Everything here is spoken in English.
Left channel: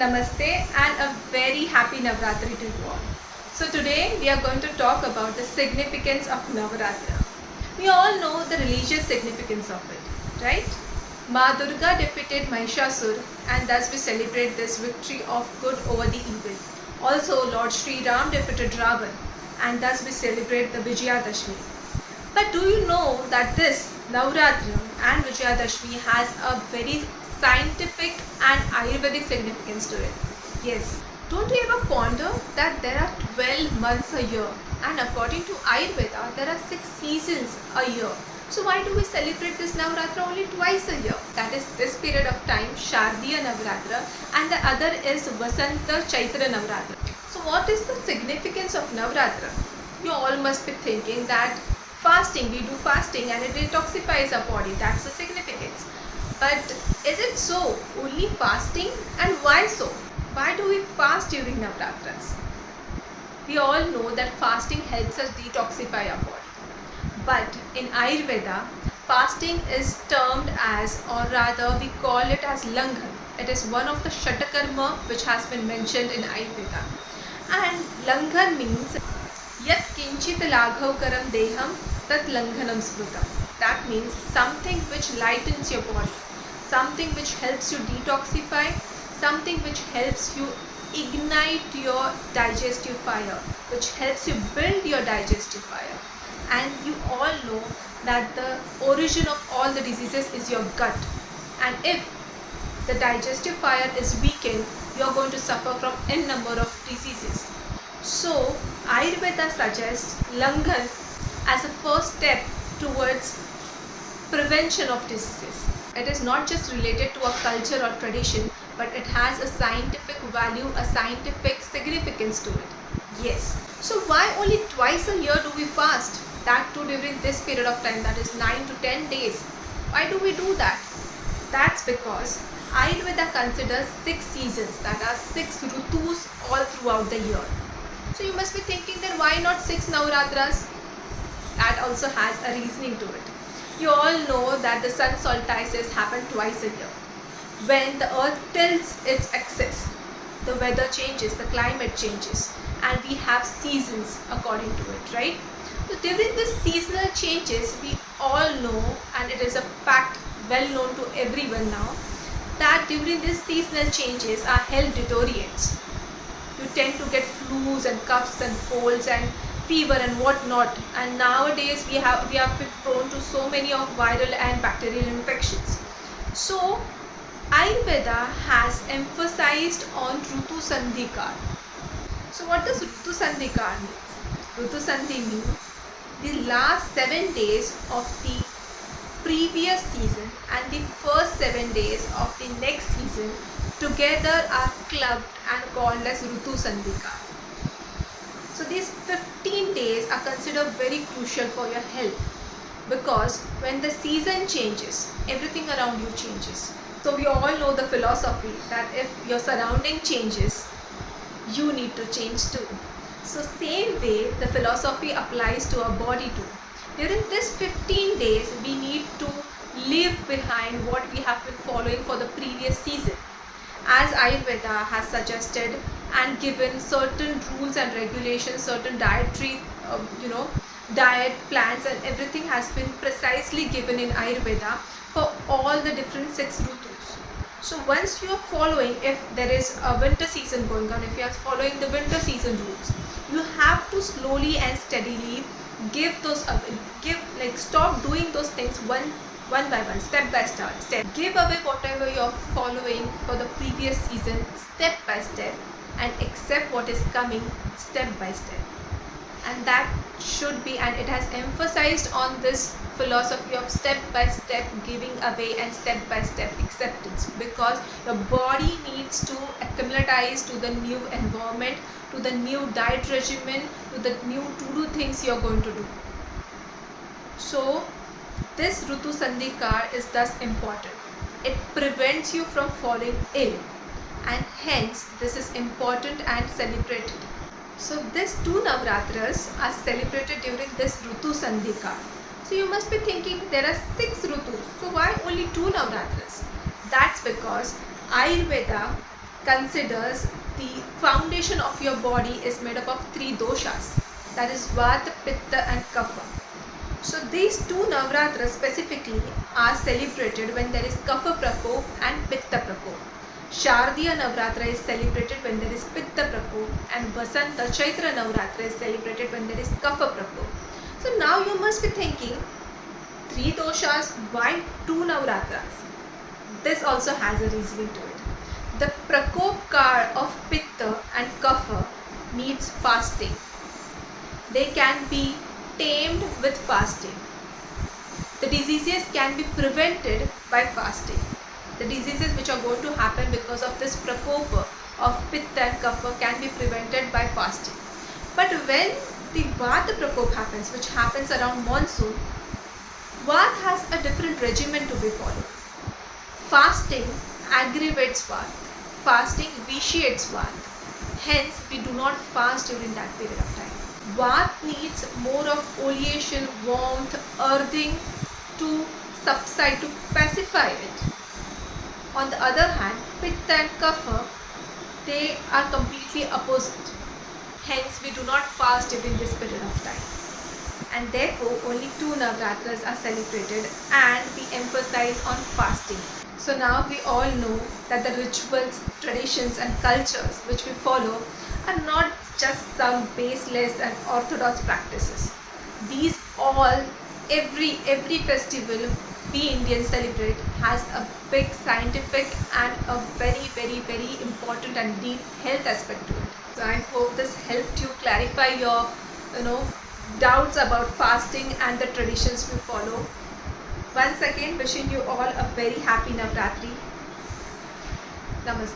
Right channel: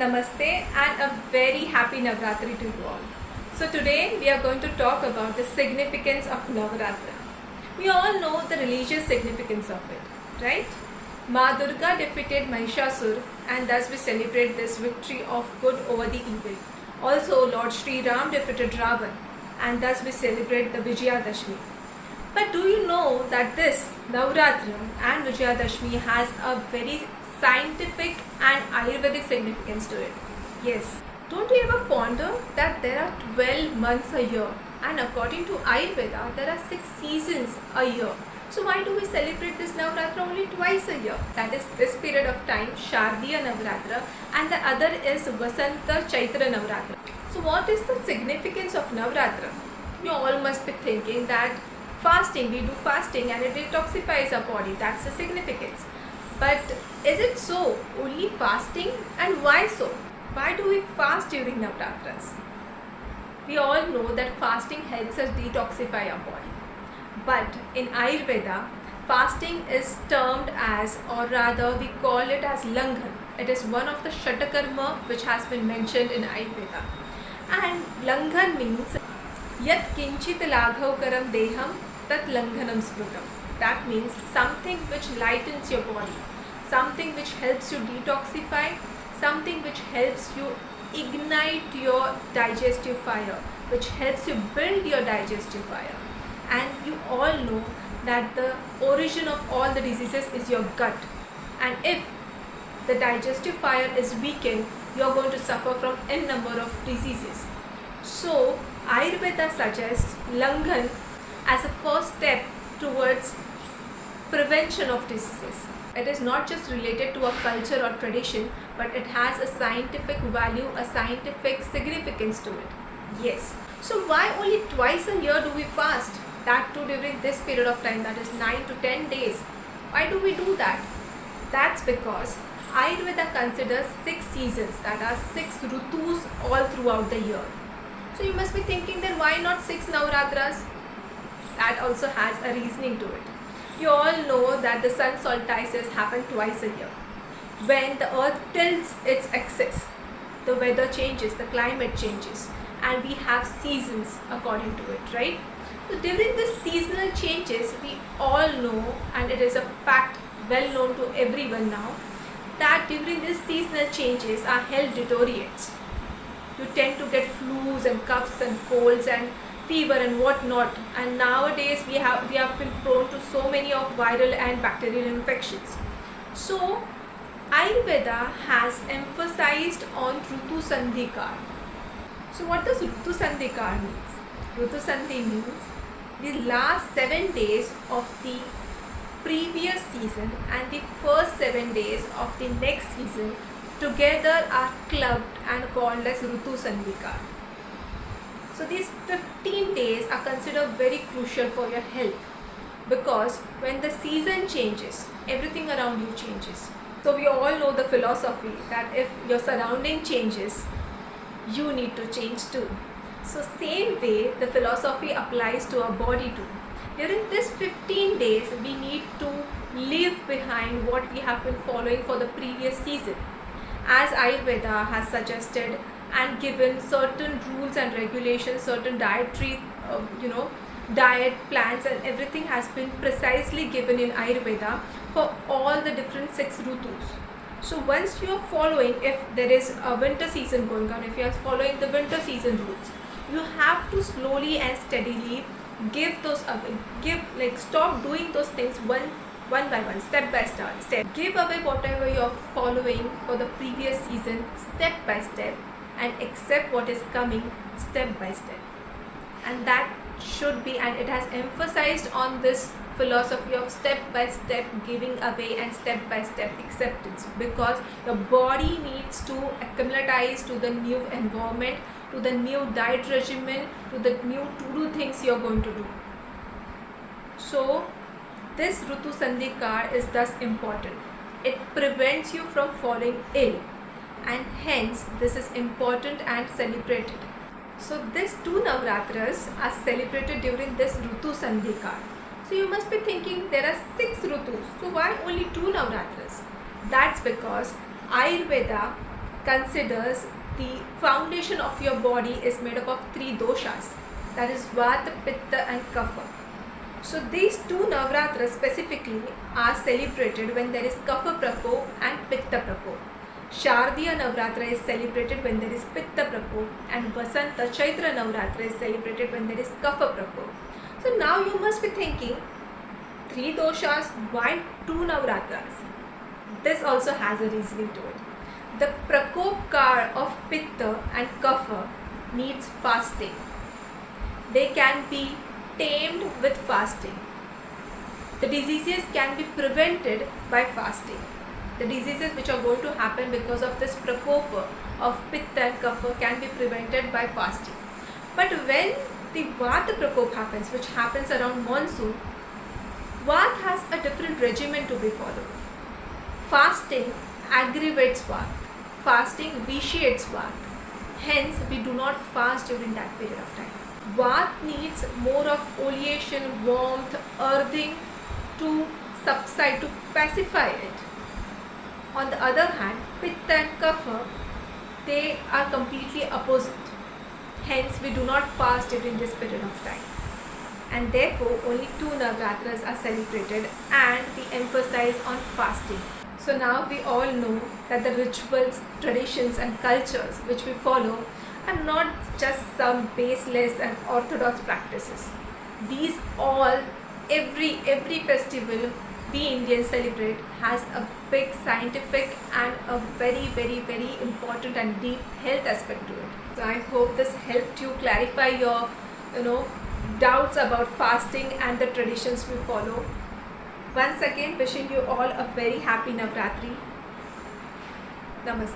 Namaste and a very happy Navratri to you all. So today we are going to talk about the significance of Navratra. We all know the religious significance of it, right? Ma Durga defeated Mahishasur and thus we celebrate this victory of good over the evil. Also Lord Sri Ram defeated Ravan and thus we celebrate the Vijayadashmi. But do you know that this Navratra and Vijayadashmi has a very scientific and Ayurvedic significance to it? Yes. Don't you ever ponder that there are 12 months a year and according to Ayurveda there are 6 seasons a year. So why do we celebrate this Navratra only twice a year? That is this period of time, Shardiya Navratra, and the other is Vasanta Chaitra Navratra. So what is the significance of Navratra? You all must be thinking that fasting, we do fasting and it detoxifies our body. That's the significance. But is it so? Only fasting? And why so? Why do we fast during Navratras? We all know that fasting helps us detoxify our body. But in Ayurveda, fasting is termed as, or rather we call it as Langhan. It is one of the Shatakarma which has been mentioned in Ayurveda. And Langhan means Yat kinchit laghavkaram deham tat langhanam smrutam. That means something which lightens your body, something which helps you detoxify, something which helps you ignite your digestive fire, which helps you build your digestive fire. And you all know that the origin of all the diseases is your gut. And if the digestive fire is weakened, you are going to suffer from n number of diseases. So Ayurveda suggests Langhan as a first step towards prevention of diseases. It is not just related to a culture or tradition, but it has a scientific value, a scientific significance to it. Yes. So why only twice a year do we fast? That too during this period of time, that is 9 to 10 days. Why do we do that? That's because Ayurveda considers 6 seasons, that are 6 rutus all throughout the year. So you must be thinking that why not 6 Navratras? That also has a reasoning to it. You all know that the sun solstices happen twice a year. When the earth tilts its axis, the weather changes, the climate changes, and we have seasons according to it, right? So during these seasonal changes, we all know, and it is a fact well known to everyone now, that during these seasonal changes our health deteriorates. You tend to get flus and coughs and colds and fever and whatnot, and nowadays we have been prone to so many of viral and bacterial infections. So Ayurveda has emphasized on Rutu Sandhikar. So what does Rutu Sandhikar means? Rutu Sandhi means the last 7 days of the previous season and the first 7 days of the next season together are clubbed and called as Rutu Sandhikar. So these 15 days are considered very crucial for your health because when the season changes, everything around you changes. So we all know the philosophy that if your surrounding changes, you need to change too. So same way the philosophy applies to our body too. During this 15 days, we need to leave behind what we have been following for the previous season. As Ayurveda has suggested and given certain rules and regulations, certain dietary, diet plans and everything has been precisely given in Ayurveda for all the different 6 rutus. So once you are following, if there is a winter season going on, if you are following the winter season rules, you have to slowly and steadily give those away. Stop doing those things one by one, step by step. Give away whatever you are following for the previous season, step by step, and accept what is coming step by step. And that should be, and it has emphasized on this philosophy of step by step giving away and step by step acceptance, because your body needs to acclimatize to the new environment, to the new diet regimen, to the new to-do things you are going to do. So this Rutu Sandhikar is thus important. It prevents you from falling ill, and hence this is important and celebrated. So these 2 Navratras are celebrated during this Rutu Sandhikar. So you must be thinking there are 6 Rutus. So why only 2 Navratras? That's because Ayurveda considers the foundation of your body is made up of three doshas, that is Vata, Pitta and Kapha. So these two Navratras specifically are celebrated when there is Kapha Prakop and Pitta Prakop. Shardiya Navratra is celebrated when there is Pitta Prakop, and Vasanta Chaitra Navratra is celebrated when there is Kapha Prakop. So now you must be thinking, three doshas, why two Navratras? This also has a reasoning to it. The Prakopkar of Pitta and Kapha needs fasting. They can be tamed with fasting. The diseases can be prevented by fasting. The diseases which are going to happen because of this prakopa of Pitta and Kapha can be prevented by fasting. But when the Vata prakop happens, which happens around monsoon, Vata has a different regimen to be followed. Fasting aggravates Vata. Fasting vitiates Vata. Hence, we do not fast during that period of time. Vata needs more of oleation, warmth, earthing to subside, to pacify it. On the other hand, Pitta and Kapha, they are completely opposite. Hence, we do not fast during this period of time. And therefore, only two Navratras are celebrated and we emphasize on fasting. So now we all know that the rituals, traditions and cultures which we follow are not just some baseless and orthodox practices. These all, every festival we Indians celebrate has a big scientific and a very important and deep health aspect to it. So I hope this helped you clarify your doubts about fasting and the traditions we follow. Once again, wishing you all a very happy Navratri. Namaste.